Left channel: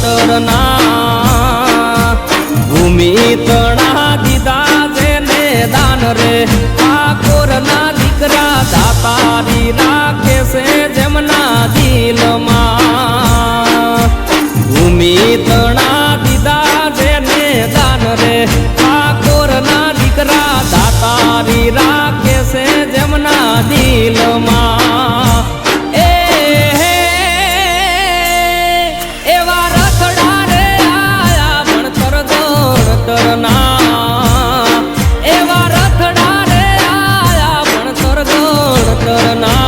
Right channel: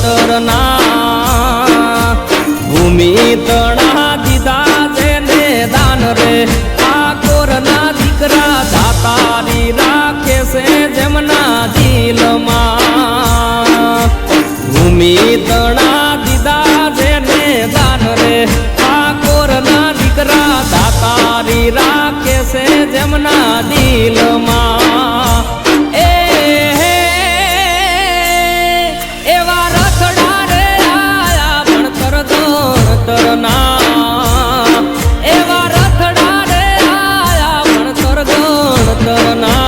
તરના ભૂમિ તણા દીધા જેને દાન રે ઠાકોરના દીકરા દાતારી રાખે છે જેમના દિલમાં ભૂમિ તણા દીધા જેને દાન રે ઠાકોરના દીકરા દાતારી રાખે છે જેમના દિલમાં એવા રખડા રે આયા ભણતર ગણતરના એવા રખડા રે આયા ભણતર ગણતરના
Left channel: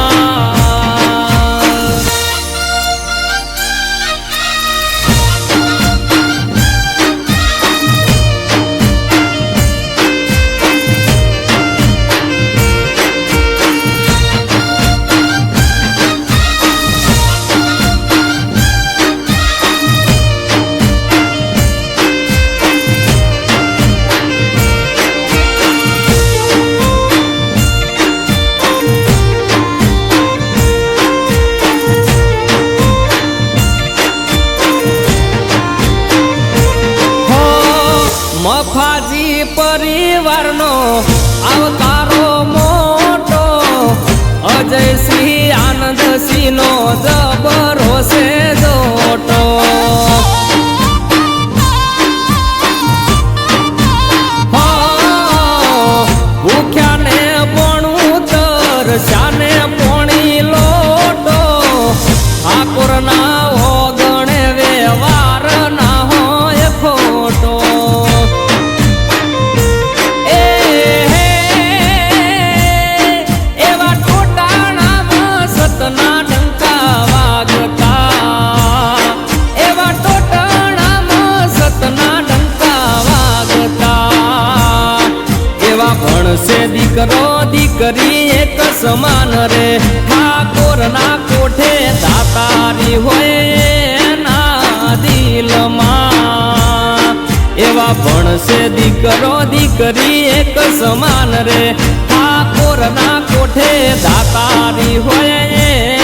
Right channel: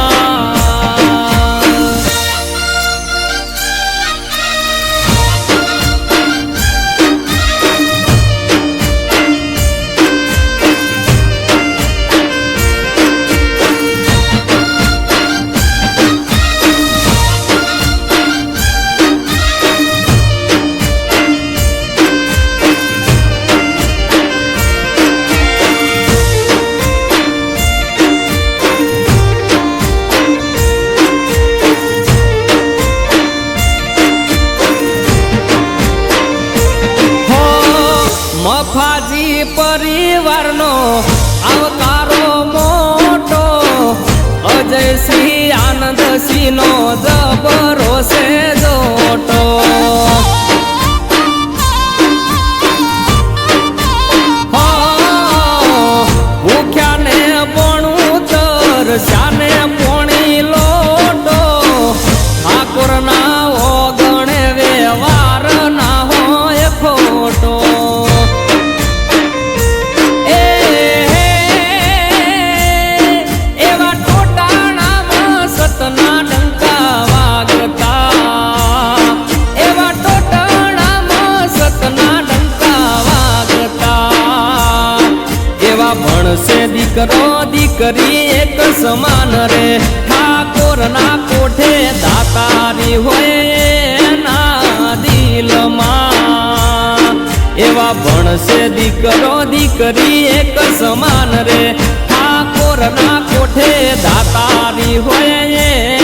મફાજી પરિવારનો આવકારો મોટો અજયસિંહ આનંદસિંહનો જબરો છે જોટો ભૂખ્યાને પોણું તરસ્યાને પોણી લોટો ઠાકોરના ઓગણે વ્યવહાર ના હોય ખોટો એવા ટોટાણામાં સતના ડંકા વાગતા એવા ટોટાણામાં સતના ડંકા વાગતા એવા ભણશે દીકરો દીકરી એક સમાન રે ઠાકોરના કોઠે દાતારી હોય એના દિલમાં એવા ભણશે દીકરો દીકરી એક સમાન રે ઠાકોરના કોઠે દાતારી હોય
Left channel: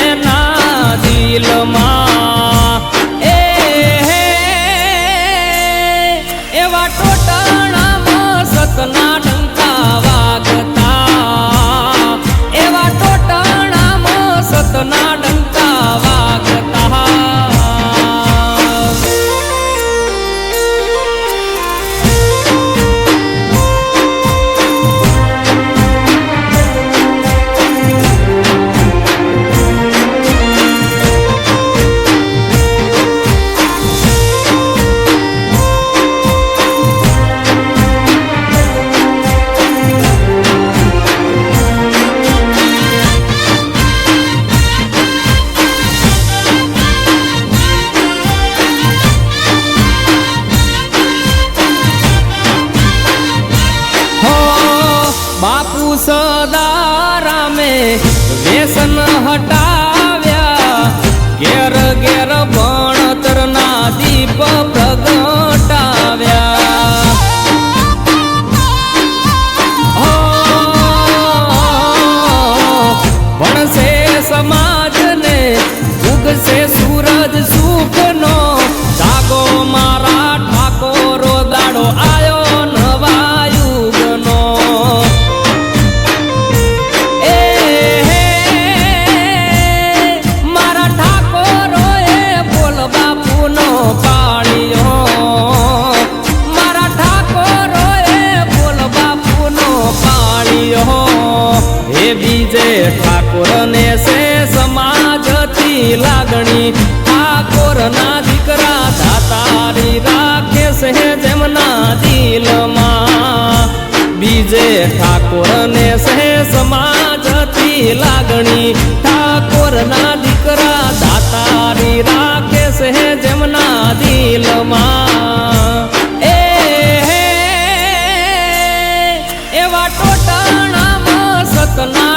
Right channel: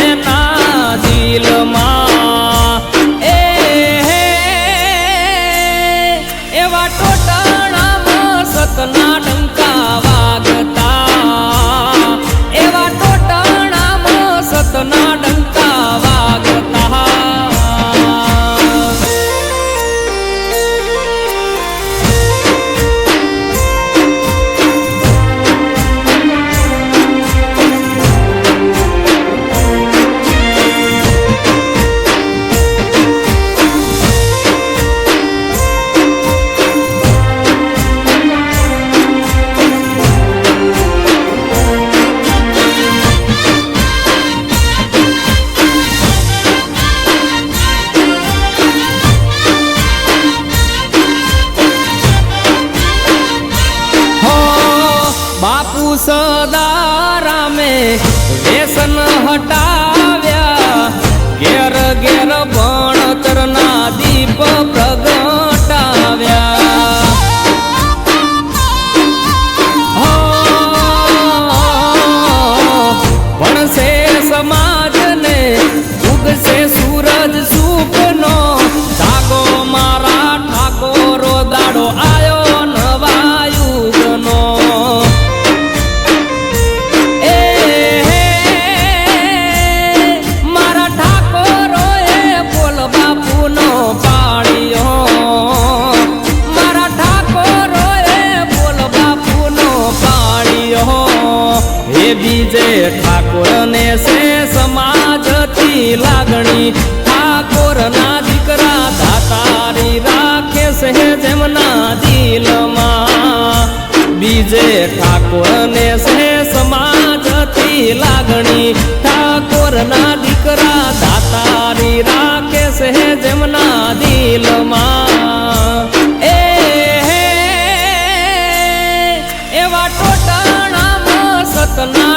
એના દિલમાં એવા ટોટાણામાં સતના ડંકા વાગતા એવા ટોટાણામાં સતના ડંકા વાગતા બાપુ સદારામે વ્યસન હટાવ્યા ઘેર ઘેર ભણતરના દીપ પ્રગટાવ્યા ભણશે સમાજને ઉગશે સૂરજ સુખનો જાગો મારા ઠાકોરો દાડો આયો નવા યુગનો મારા ઠાકોરો એ બોલ બાપુનો પાળ્યો મારા ઠાકોરો એ બોલ બાપુનો પાળ્યો હે બીજે ઠાકોરને છે સમાજથી લાગણી ઠાકોરના દીકરા દાતારી રાખે છે જેમના દિલમાં બીજે ઠાકોરને છે સમાજથી લાગણી ઠાકોરના દીકરા દાતારી રાખે છે જેમના દિલમાં એવા ટોટાણામાં સતના